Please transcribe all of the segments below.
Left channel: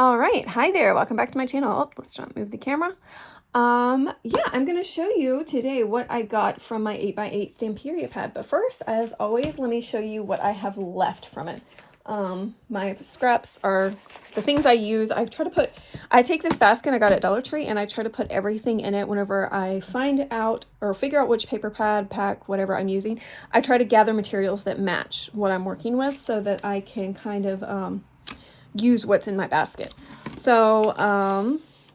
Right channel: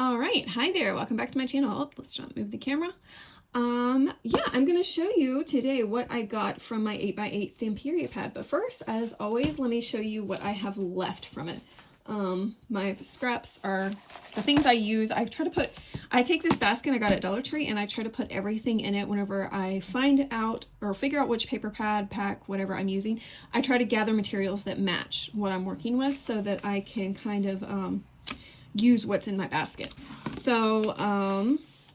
All right, hi there, welcome back to my channel. Oh, let's not move the camera. Yeah, I'm gonna show you today what I got from my 8x8 Stamperia pad. But first, as always, let me show you what I have left from it. My scraps are the things I use. I take this basket I got at Dollar Tree and I try to put everything in it whenever I find out or figure out which paper pad, pack, whatever I'm using. I try to gather materials that match what I'm working with so that I can kind of, use what's in my basket. So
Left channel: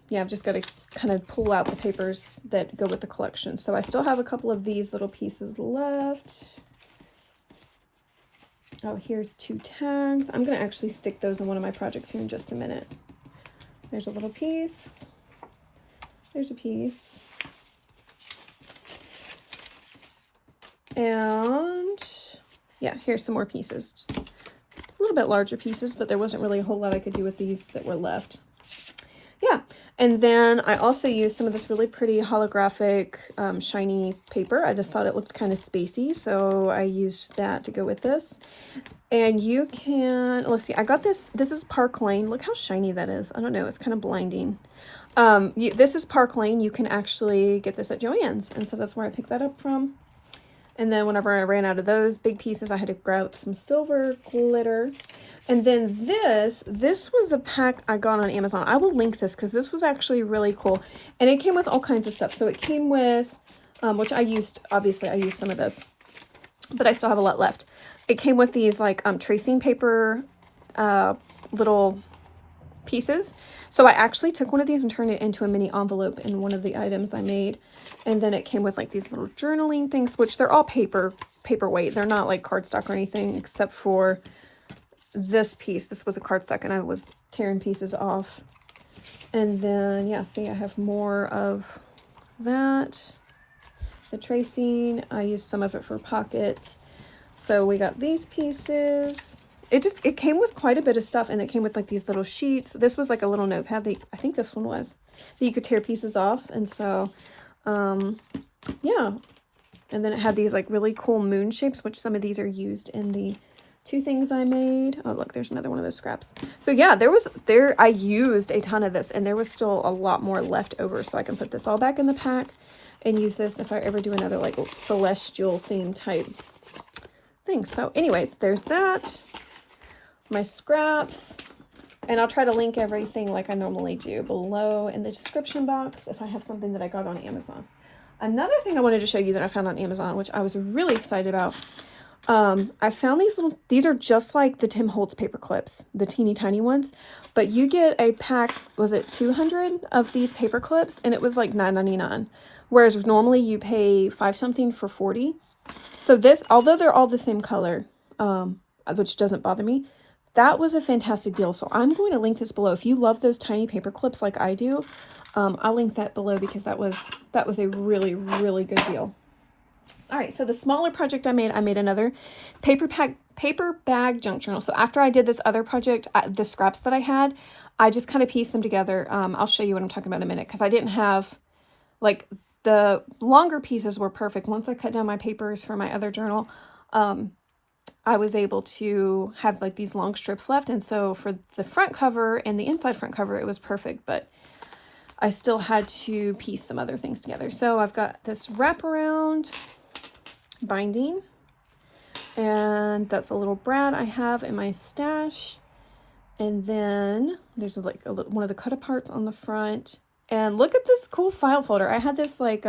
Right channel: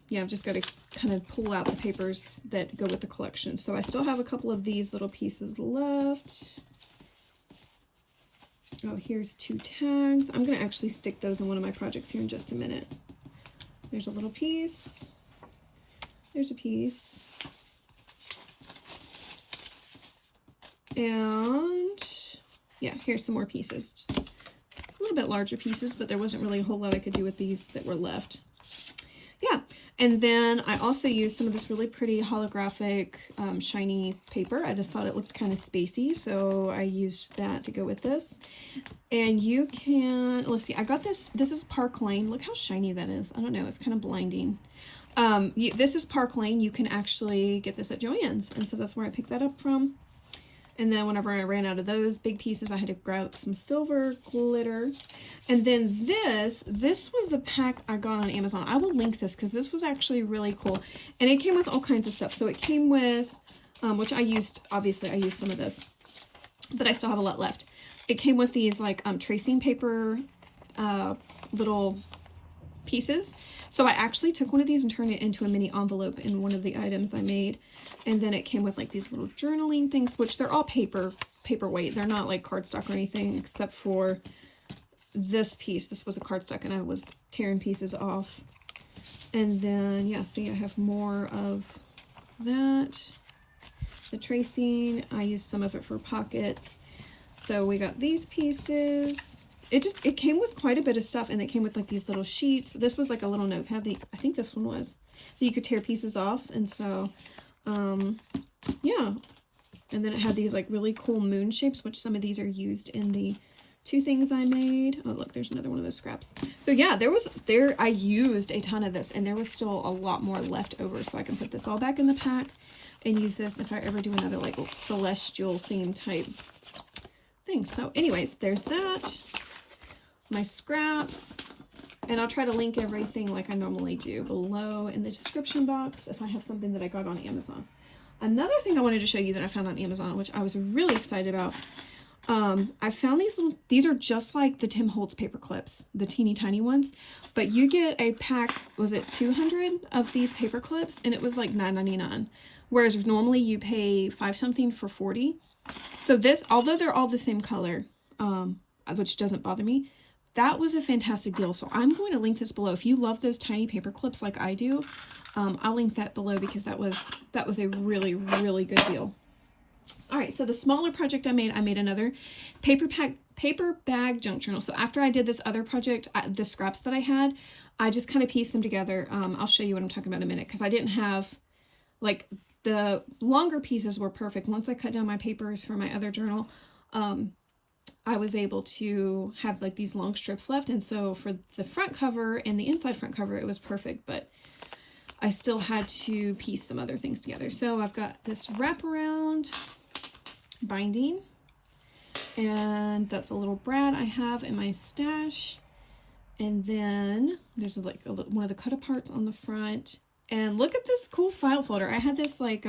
yeah, I've just got to kind of pull out the papers that go with the collection. So I still have a couple of these little pieces left. Oh, here's 2 tags. I'm going to actually stick those in one of my projects here in just a minute. There's a little piece. There's a piece. And yeah, here's some more pieces. A little bit larger pieces, but there wasn't really a whole lot I could do with these that were left. Yeah, and then I also used some of this really pretty holographic shiny paper. I just thought it looked kind of spacey, so I used that to go with this. And you can, let's see, I got this is Park Lane. Look how shiny that is. I don't know, it's kind of blinding. This is Park Lane. You can actually get this at Joann's, and so that's where I picked that up from. And then whenever I ran out of those big pieces, I had to grab some silver glitter. And then this was a pack I got on Amazon. I will link this because this was actually really cool. And it came with all kinds of stuff. So it came with, which I used, obviously I used some of this, but I still have a lot left. It came with these like tracing paper little pieces. So I actually took one of these and turned it into a mini envelope in one of the items I made. And then it came with like these little journaling things, which they're all paperweight. They're not like cardstock or anything except for this piece. This was a cardstock and I was tearing pieces off. And then, yeah, see, I have more of that. The tracing, I used some of it for pockets. So we got these pieces. It came with quite a bit of stuff, and it came with like these little sheets. This was like a little notepad that I think this one was, that you could tear pieces off. And so, yeah. And then it had these like really cool moon shapes, which some of these are used in the 2 things I made. Oh, look, there's another one of those scraps. So yeah, I used a ton of this, and there was still a lot more left over. So I can put this all back in the pack and use this if I ever do another like celestial theme type thing. So anyways, there's that. My scraps, and I'll try to link everything like I normally do below in the description box if I have something that I got on Amazon. Another thing I wanted to show you that I found on Amazon, which I was really excited about, I found these are just like the Tim Holtz paper clips, the teeny tiny ones, but you get a pack, was it 200 of these paper clips, and it was like $9.99, whereas normally you pay 5 something for 40. So this, although they're all the same color, which doesn't bother me, that was a fantastic deal. So I'm going to link this below. If you love those tiny paper clips like I do, I'll link that below because that was a really, really good deal. All right, so the smaller project I made another paper bag junk journal. So after I did this other project, the scraps that I had, I just kind of pieced them together. I'll show you what I'm talking about in a minute because I didn't have, like, the longer pieces were perfect. Once I cut down my papers for my other journal, I was able to have like these long strips left. And so for the front cover and the inside front cover, it was perfect, but I still had to piece some other things together. So I've got this wraparound binding, and that's a little brad I have in my stash. And then there's like one of the cut aparts on the front. And look at this cool file folder. I had this like,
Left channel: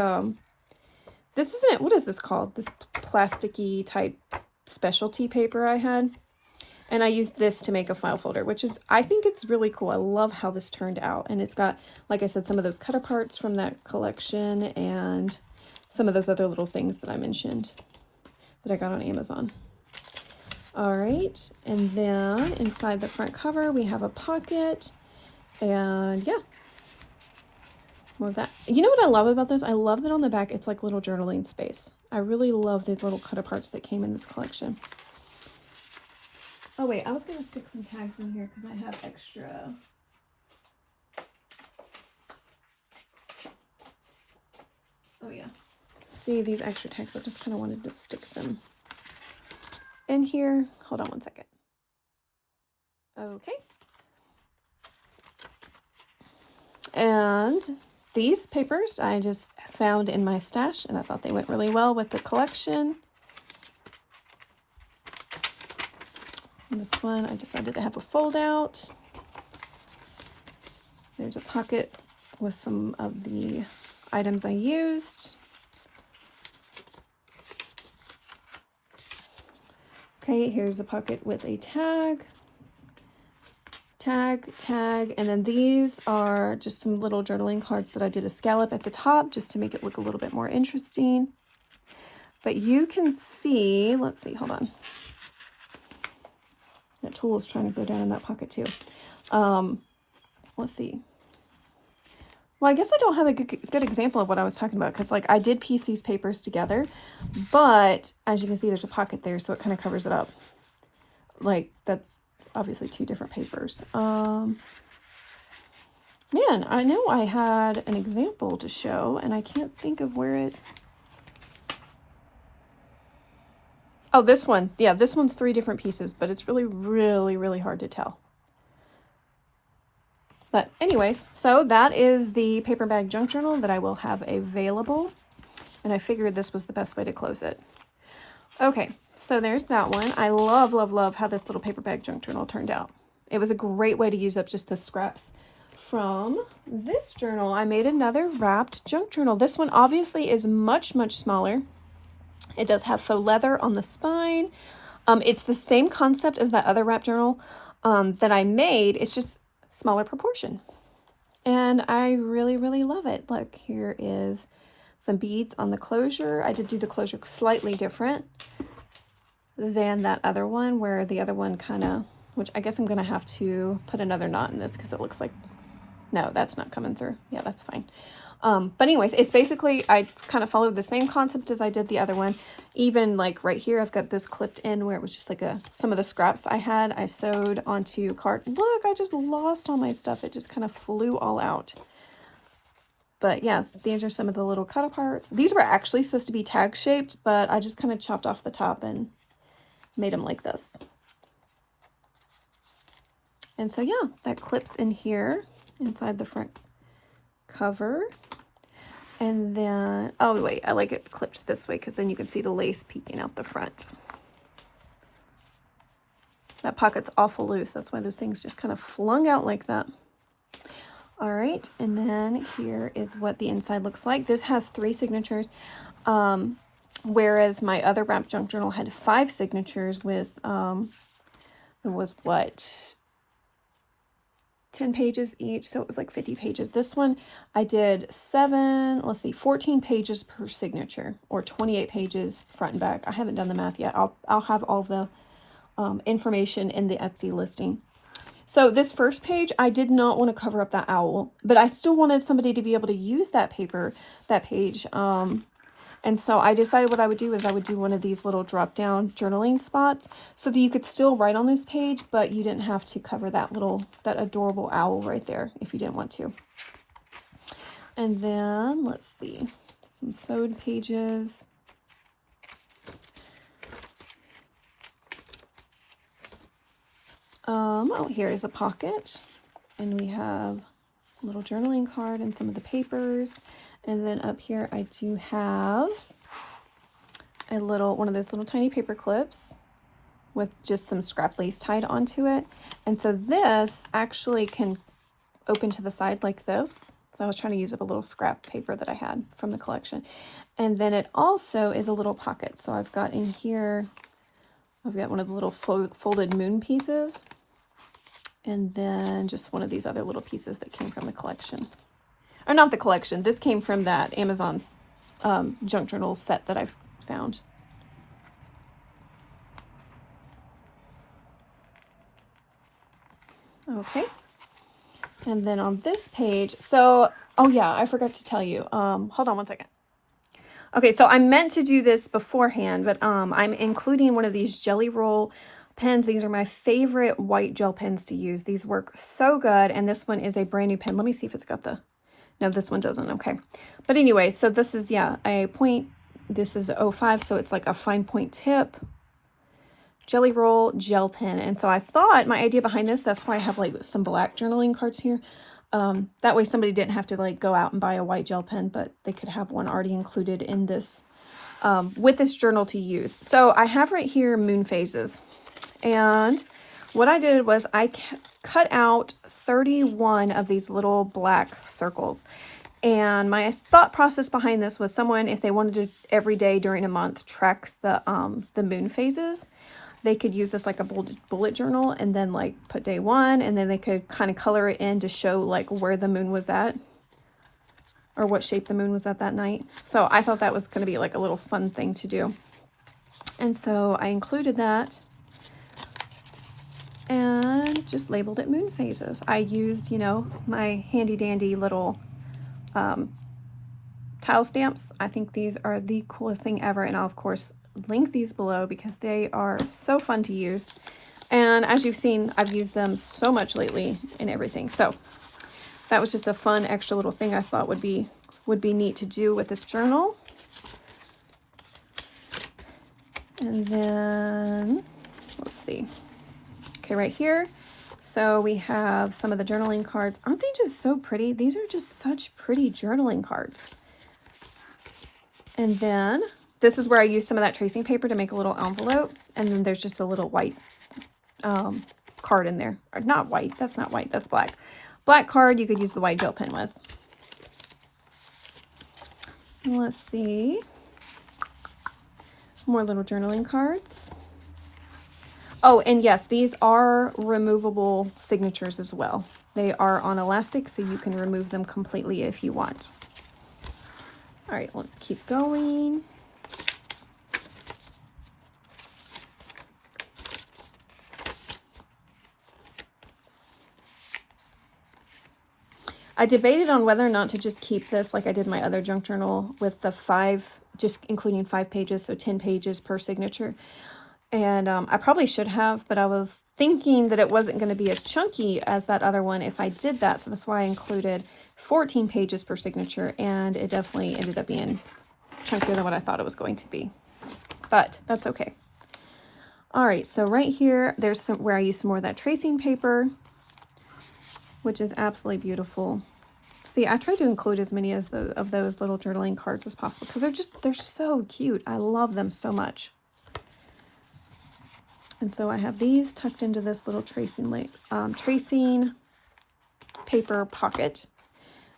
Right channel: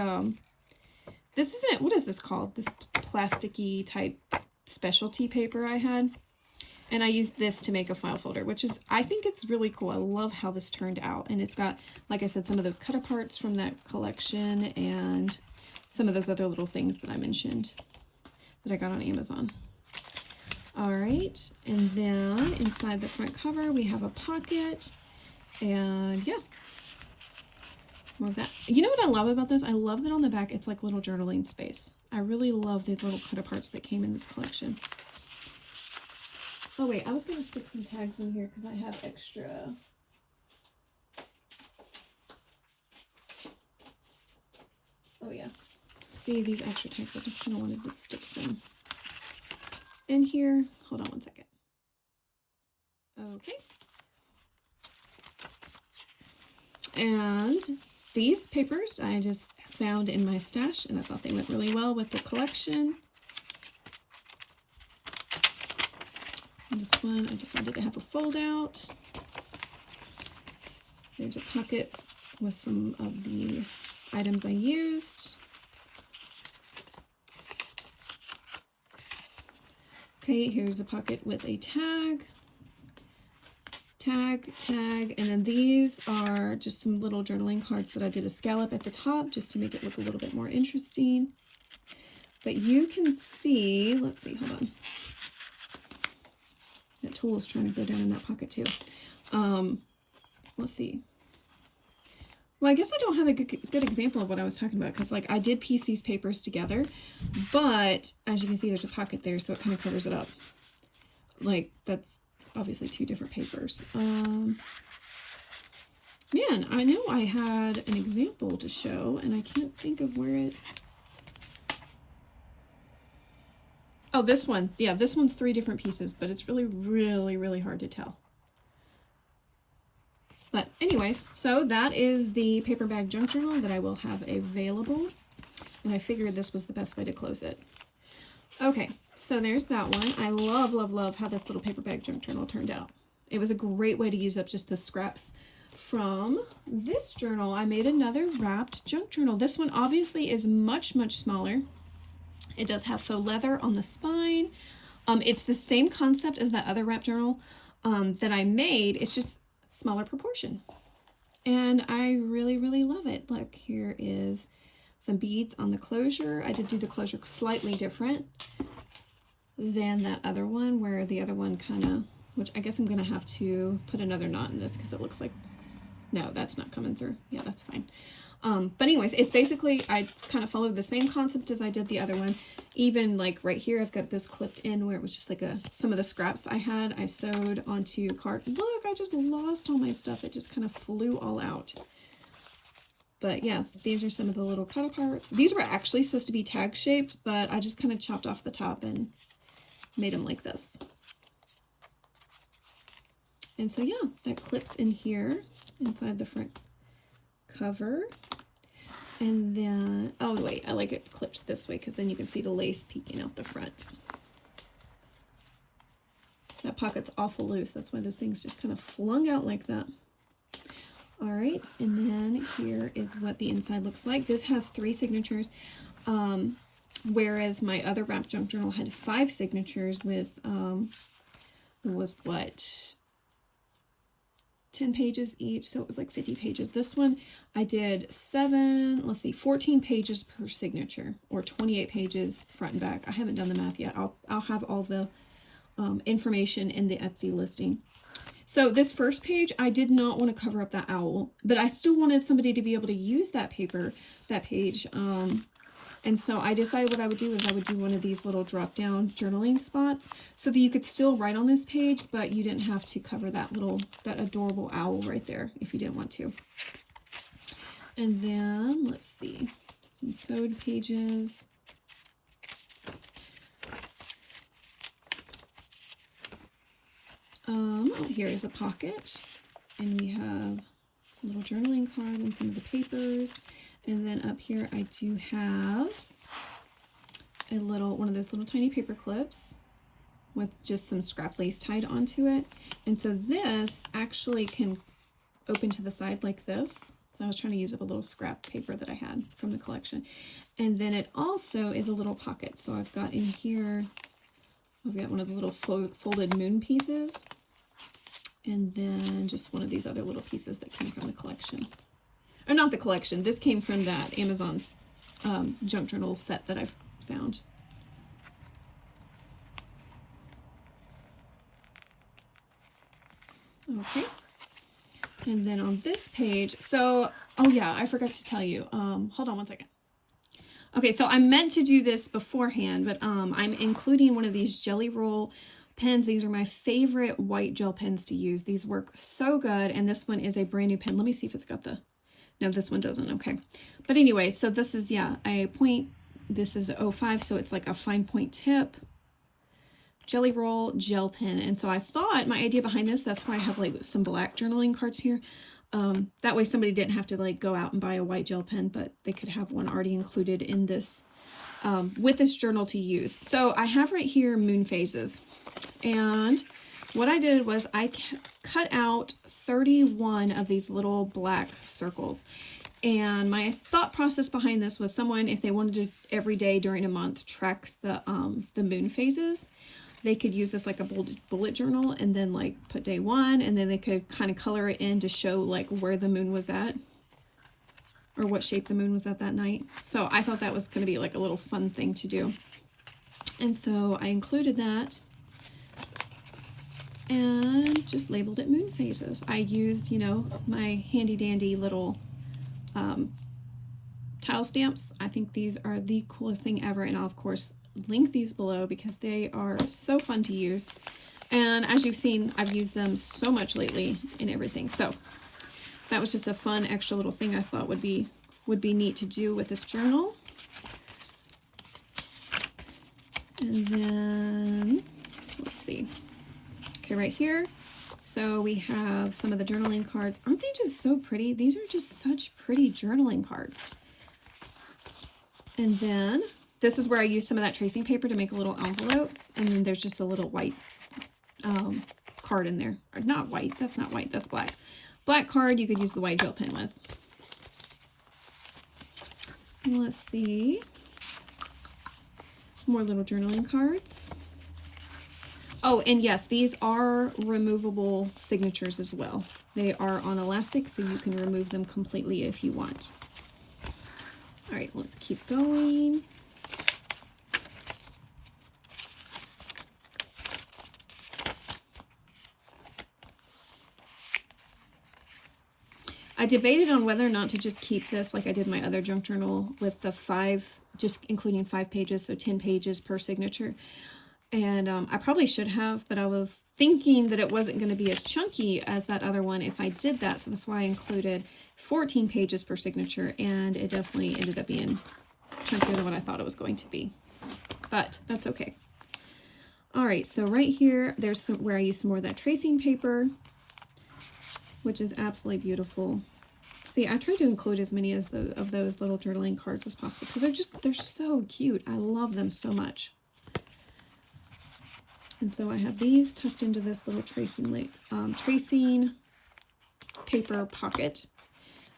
this isn't, what is this called? This plasticky type specialty paper I had, and I used this to make a file folder, which is, I think it's really cool. I love how this turned out, and it's got, like I said, some of those cut aparts from that collection and some of those other little things that I mentioned that I got on Amazon. All right, and then inside the front cover we have a pocket, and yeah, more of that. You know what I love about this? I love that on the back it's like little journaling space. I really love the little cut aparts that came in this collection. Oh wait, I was going to stick some tags in here because I have extra. Oh yeah. See these extra tags? I just kind of wanted to stick them in here. Hold on one second. Okay. And these papers I just found in my stash, and I thought they went really well with the collection. And this one I decided to have a fold out. There's a pocket with some of the items I used. Okay, here's a pocket with a tag, and then these are just some little journaling cards that I did a scallop at the top just to make it look a little bit more interesting. But you can see, let's see, hold on. That tool is trying to go down in that pocket too. Let's see. Well, I guess I don't have a good example of what I was talking about, because like I did piece these papers together, but as you can see, there's a pocket there, so it kind of covers it up. Like that's obviously two different papers. Man, I know I had an example to show, and I can't think of where it... Oh, this one. Yeah, this one's 3 different pieces, but it's really hard to tell. But anyways, so that is the paper bag junk journal that I will have available. And I figured this was the best way to close it. Okay, so there's that one. I love how this little paper bag junk journal turned out. It was a great way to use up just the scraps from this journal. I made another wrapped junk journal. This one obviously is much smaller. It does have faux leather on the spine. It's the same concept as that other wrap journal that I made. It's just smaller proportion. And I really love it. Look, here is some beads on the closure. I did do the closure slightly different than that other one, where the other one kind of, which I guess I'm going to have to put another knot in this because it looks like, no, that's not coming through. Yeah, that's fine. But anyways, it's basically, I kind of followed the same concept as I did the other one. Even like right here, I've got this clipped in where it was just like some of the scraps I had, I sewed onto card. Look, I just lost all my stuff. It just kind of flew all out. But yeah, these are some of the little cut aparts. These were actually supposed to be tag shaped, but I just kind of chopped off the top and made them like this. And so yeah, that clips in here inside the front cover. And then, oh wait, I like it clipped this way because then you can see the lace peeking out the front. That pocket's awful loose. That's why those things just kind of flung out like that. All right, and then here is what the inside looks like. This has 3 signatures, whereas my other wrap junk journal had 5 signatures with, it was what, 10 pages each, so it was like 50 pages. This one I did 14 pages per signature, or 28 pages front and back. I haven't done the math yet. I'll have all the information in the Etsy listing. So this first page, I did not want to cover up that owl, but I still wanted somebody to be able to use that page. And so I decided what I would do is I would do one of these little drop down journaling spots so that you could still write on this page, but you didn't have to cover that adorable owl right there if you didn't want to. And then let's see, some sewed pages. Oh, here is a pocket, and we have a little journaling card and some of the papers. And then up here, I do have one of those little tiny paper clips with just some scrap lace tied onto it. And so this actually can open to the side like this. So I was trying to use up a little scrap paper that I had from the collection. And then it also is a little pocket. So I've got in here, I've got one of the little folded moon pieces. And then just one of these other little pieces that came from the collection. Or not the collection. This came from that Amazon junk journal set that I've found. Okay. And then on this page, so, oh yeah, I forgot to tell you. Hold on one second. Okay, so I meant to do this beforehand, but I'm including one of these Jelly Roll pens. These are my favorite white gel pens to use. These work so good, and this one is a brand new pen. Let me see if it's got the... No, this one doesn't. Okay. But anyway, so this is, yeah, a point. This is 05, so it's like a fine point tip Jelly Roll gel pen. And so I thought my idea behind this, that's why I have like some black journaling cards here. That way somebody didn't have to like go out and buy a white gel pen, but they could have one already included in this, with this journal to use. So I have right here moon phases. And what I did was I cut out 31 of these little black circles. And my thought process behind this was someone, if they wanted to every day during a month track the moon phases, they could use this like a bullet journal and then like put day 1, and then they could kind of color it in to show like where the moon was at or what shape the moon was at that night. So I thought that was going to be like a little fun thing to do. And so I included that and just labeled it moon phases. I used, you know, my handy dandy little tile stamps. I think these are the coolest thing ever, and I'll of course link these below because they are so fun to use. And as you've seen, I've used them so much lately in everything. So that was just a fun extra little thing I thought would be neat to do with this journal. And then let's see. Okay, right here. So we have some of the journaling cards. Aren't they just so pretty? These are just such pretty journaling cards. And then this is where I use some of that tracing paper to make a little envelope. And then there's just a little white card in there. Or not white, that's not white, that's black. Black card you could use the white gel pen with. Let's see. More little journaling cards. Oh, and yes, these are removable signatures as well. They are on elastic, so you can remove them completely if you want. All right, let's keep going. I debated on whether or not to just keep this like I did my other junk journal with the 5, just including 5 pages, so 10 pages per signature. And I probably should have, but I was thinking that it wasn't going to be as chunky as that other one if I did that. So that's why I included 14 pages per signature, and it definitely ended up being chunkier than what I thought it was going to be. But that's okay. All right, so right here, there's some where I use some more of that tracing paper, which is absolutely beautiful. See, I tried to include as many as of those little journaling cards as possible because they're so cute. I love them so much. And so I have these tucked into this little tracing paper pocket.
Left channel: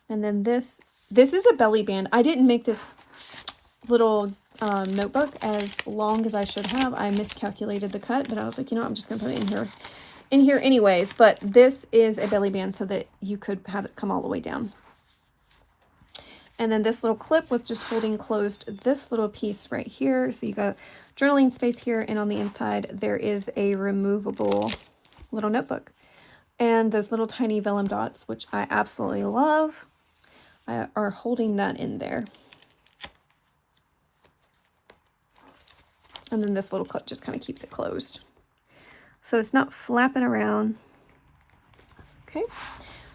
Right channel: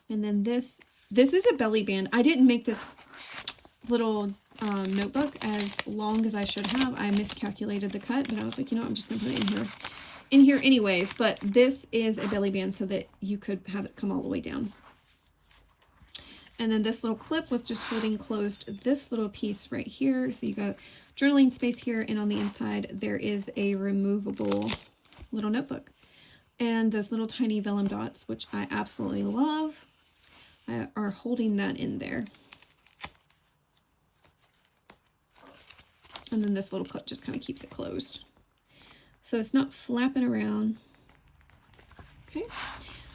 And then this is a belly band. I didn't make this little notebook as long as I should have. I miscalculated the cut, but I was like, you know, I'm just going to put it in here anyways. But this is a belly band so that you could have it come all the way down. And then this little clip was just holding closed this little piece right here. So you got journaling space here, and on the inside there is a removable little notebook. And those little tiny vellum dots, which I absolutely love, are holding that in there. And then this little clip just kind of keeps it closed. So it's not flapping around. Okay,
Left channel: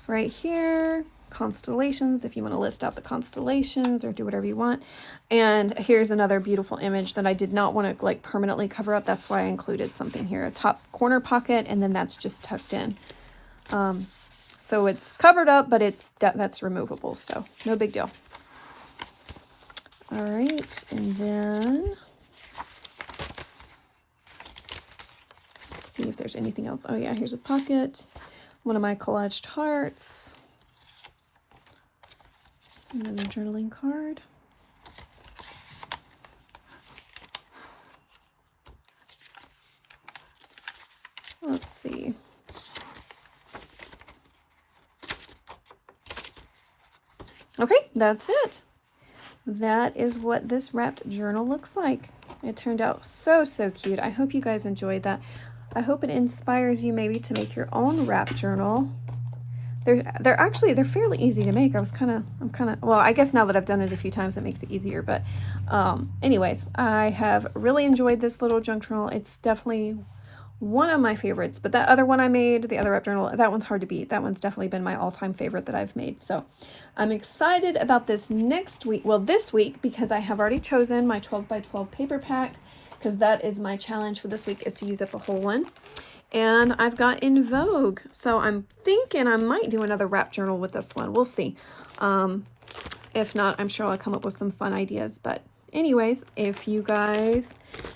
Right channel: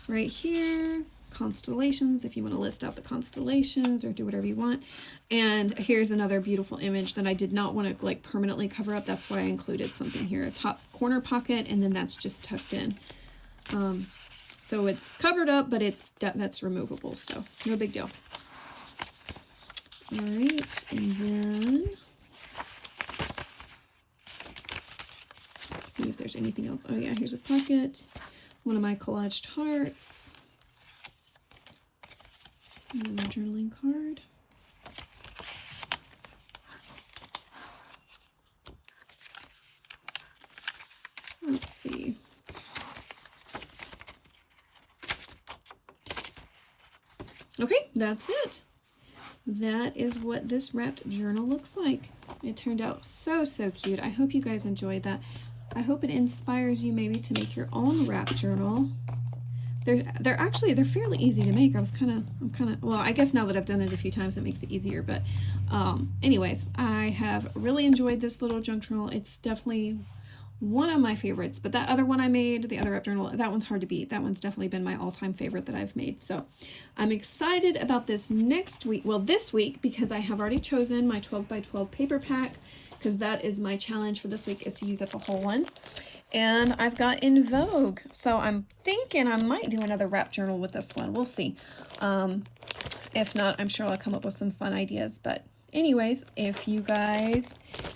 right here, constellations, if you want to list out the constellations or do whatever you want. And here's another beautiful image that I did not want to like permanently cover up. That's why I included something here, a top corner pocket, and then that's just tucked in. So it's covered up, but that's removable, so no big deal. All right, and then let's see if there's anything else. Oh yeah, here's a pocket, one of my collaged hearts, another journaling card. Let's see. Okay, that's it. That is what this wrapped journal looks like. It turned out so cute. I hope you guys enjoyed that. I hope it inspires you maybe to make your own wrap journal. They're fairly easy to make. Well, I guess now that I've done it a few times, it makes it easier. But anyways, I have really enjoyed this little junk journal. It's definitely one of my favorites, but that other one I made, the other wrap journal, that one's hard to beat. That one's definitely been my all-time favorite that I've made. So I'm excited about this next week. Well, this week, because I have already chosen my 12 by 12 paper pack, because that is my challenge for this week, is to use up a whole one. And I've got In Vogue. So I'm thinking I might do another wrap journal with this one. We'll see. If not, I'm sure I'll come up with some fun ideas. But anyways, if you guys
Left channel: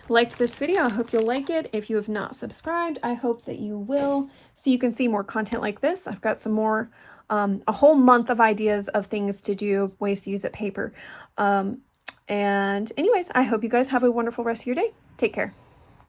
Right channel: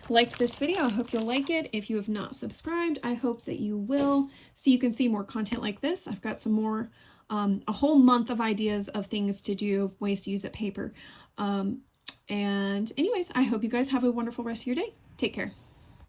liked this video, I hope you'll like it. If you have not subscribed, I hope that you will, so you can see more content like this. I've got some more, a whole month of ideas of things to do, ways to use it paper. And anyways, I hope you guys have a wonderful rest of your day. Take care.